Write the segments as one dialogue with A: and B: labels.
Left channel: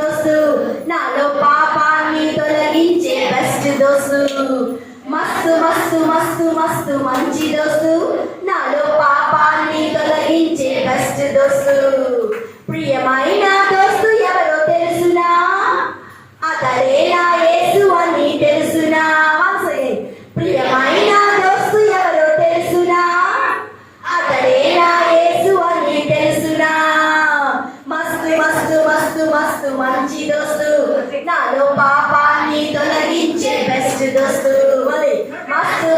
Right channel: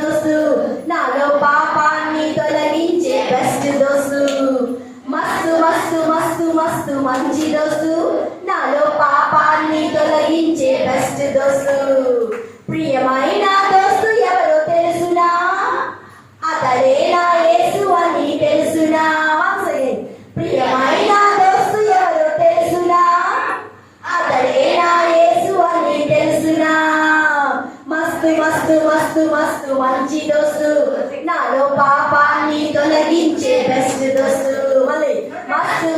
A: దోసు. నాలో పాపాన్ని తొలగించే బెస్ట్ దోసు. మస్తు మస్తు మస్తు మస్తు మంచి దోసు. నాలో పాపాన్ని తొలగించే బెస్ట్ దోసు.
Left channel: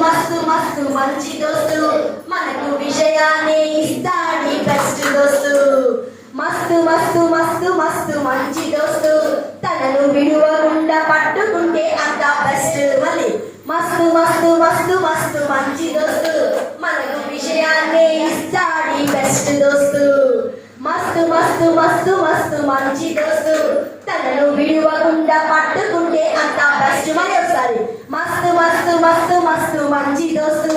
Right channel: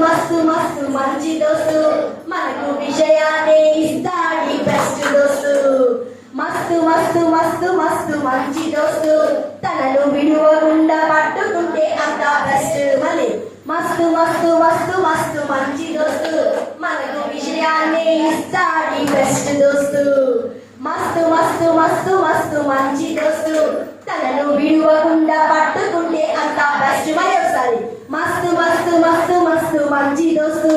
A: మస్తు మస్తు మంచి దోస్తు మనకు విషయాన్ని ఇస్తాడి బెస్ట్ దోస్తు మస్తు మస్తు మస్తు మస్తు మంచి దోస్తు తనను విడువకుండా పట్టుకుంటే అంత బెస్ట్ మళ్ళీ మస్తు మస్తు మస్తు మస్తు మంచి దోస్తు మనకు విషయాన్ని ఇస్తాడి బెస్ట్ దోస్తు మస్తు మస్తు మస్తు మస్తు మంచి దోస్తు తనను విడువకుండా పట్టుకుంటే అంత బెస్ట్ మరి ఒకసారి మస్తు మస్తు మస్తు మస్తు మంచి దోస్తు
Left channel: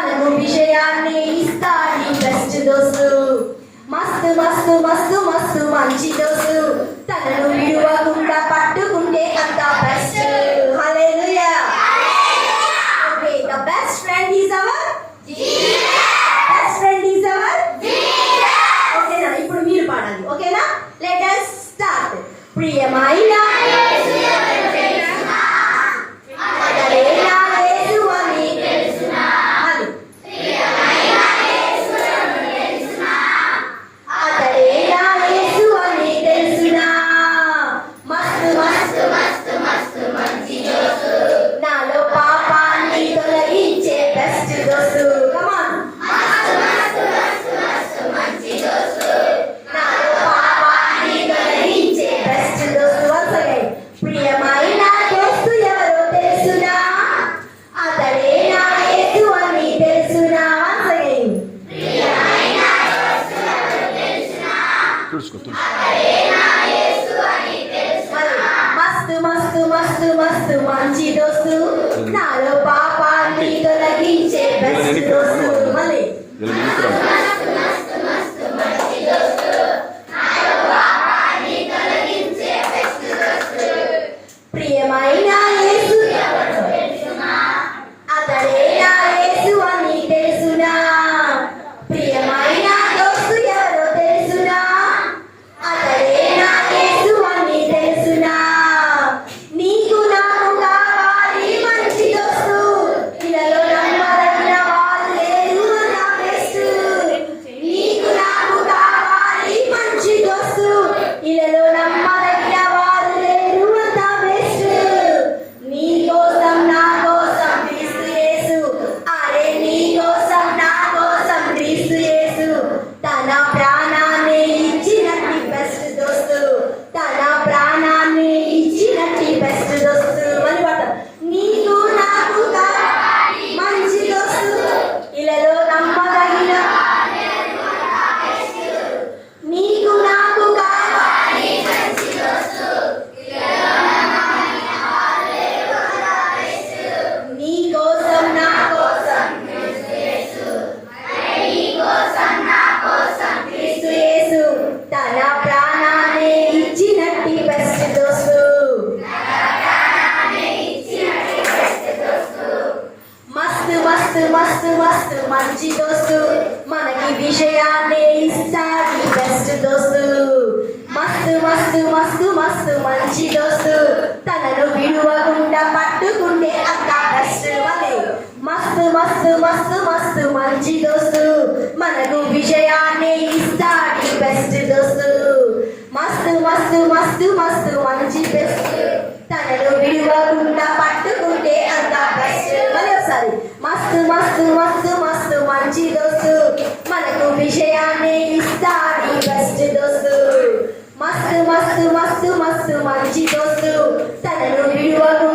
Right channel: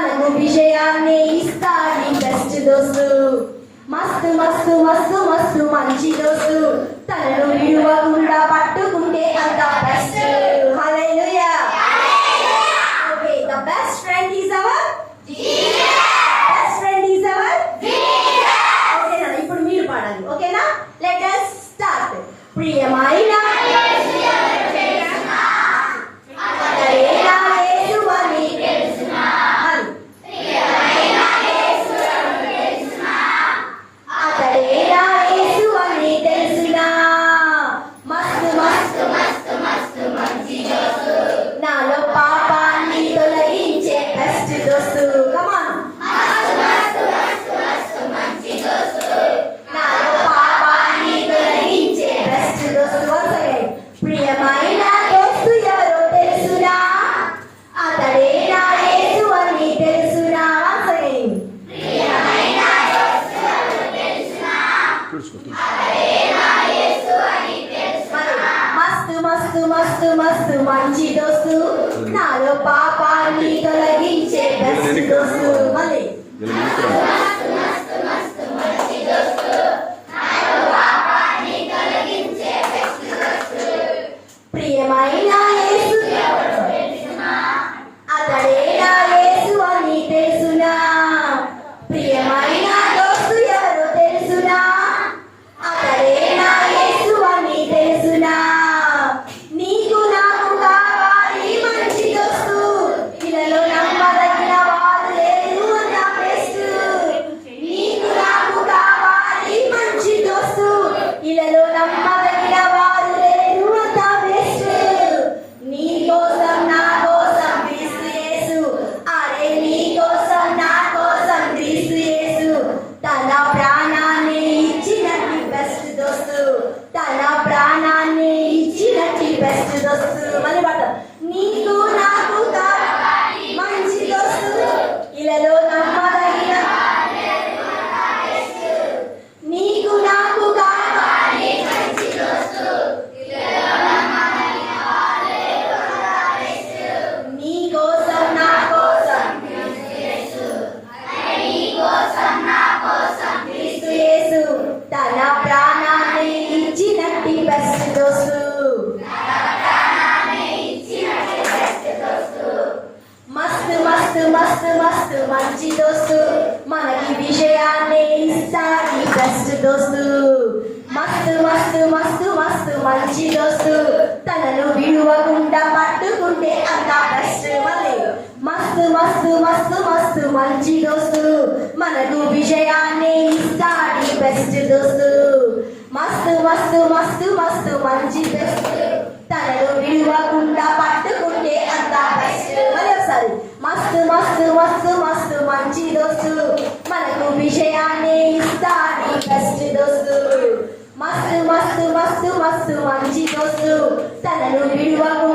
A: మనకు విషయాన్ని ఇస్తాయి బెస్ట్ దోస్తు. మస్తు మస్తు మస్తు మస్తు మంచి దోస్తు. తనను విడువకుండా పట్టుకుంటే అంత best hallelujah. Okay the best friend is our best friend is our ఓకేనా? ఇప్పుడు మీరు పాడాలి. ఓకేనా? లెట్ us స్టార్ట్ ప్రియమైన పాపాన్ని మస్తు మస్తు మంచి దోస్తు మనకి విషయాన్ని ఇస్తాడు బెస్ట్ దోస్తు మస్తు మస్తు మస్తు మస్తు మంచి దోస్తు తనను విడువకుండా పట్టుకుంటే అంత బెస్ట్ వలే మస్తు మస్తు మస్తు మస్తు మంచి దోస్తు మనకు విజయాన్ని ఇస్తాడు బెస్ట్ దోస్తు మస్తు మస్తు మస్తు మస్తు మంచి బెస్ట్ మస్తు మస్తు మస్తు మంచి దోస్తు. మనకు విజయాన్ని ఇస్తాడు బెస్ట్ దోస్తు. మస్తు మస్తు మస్తు మస్తు మంచి దోస్తు. తనను విడువకు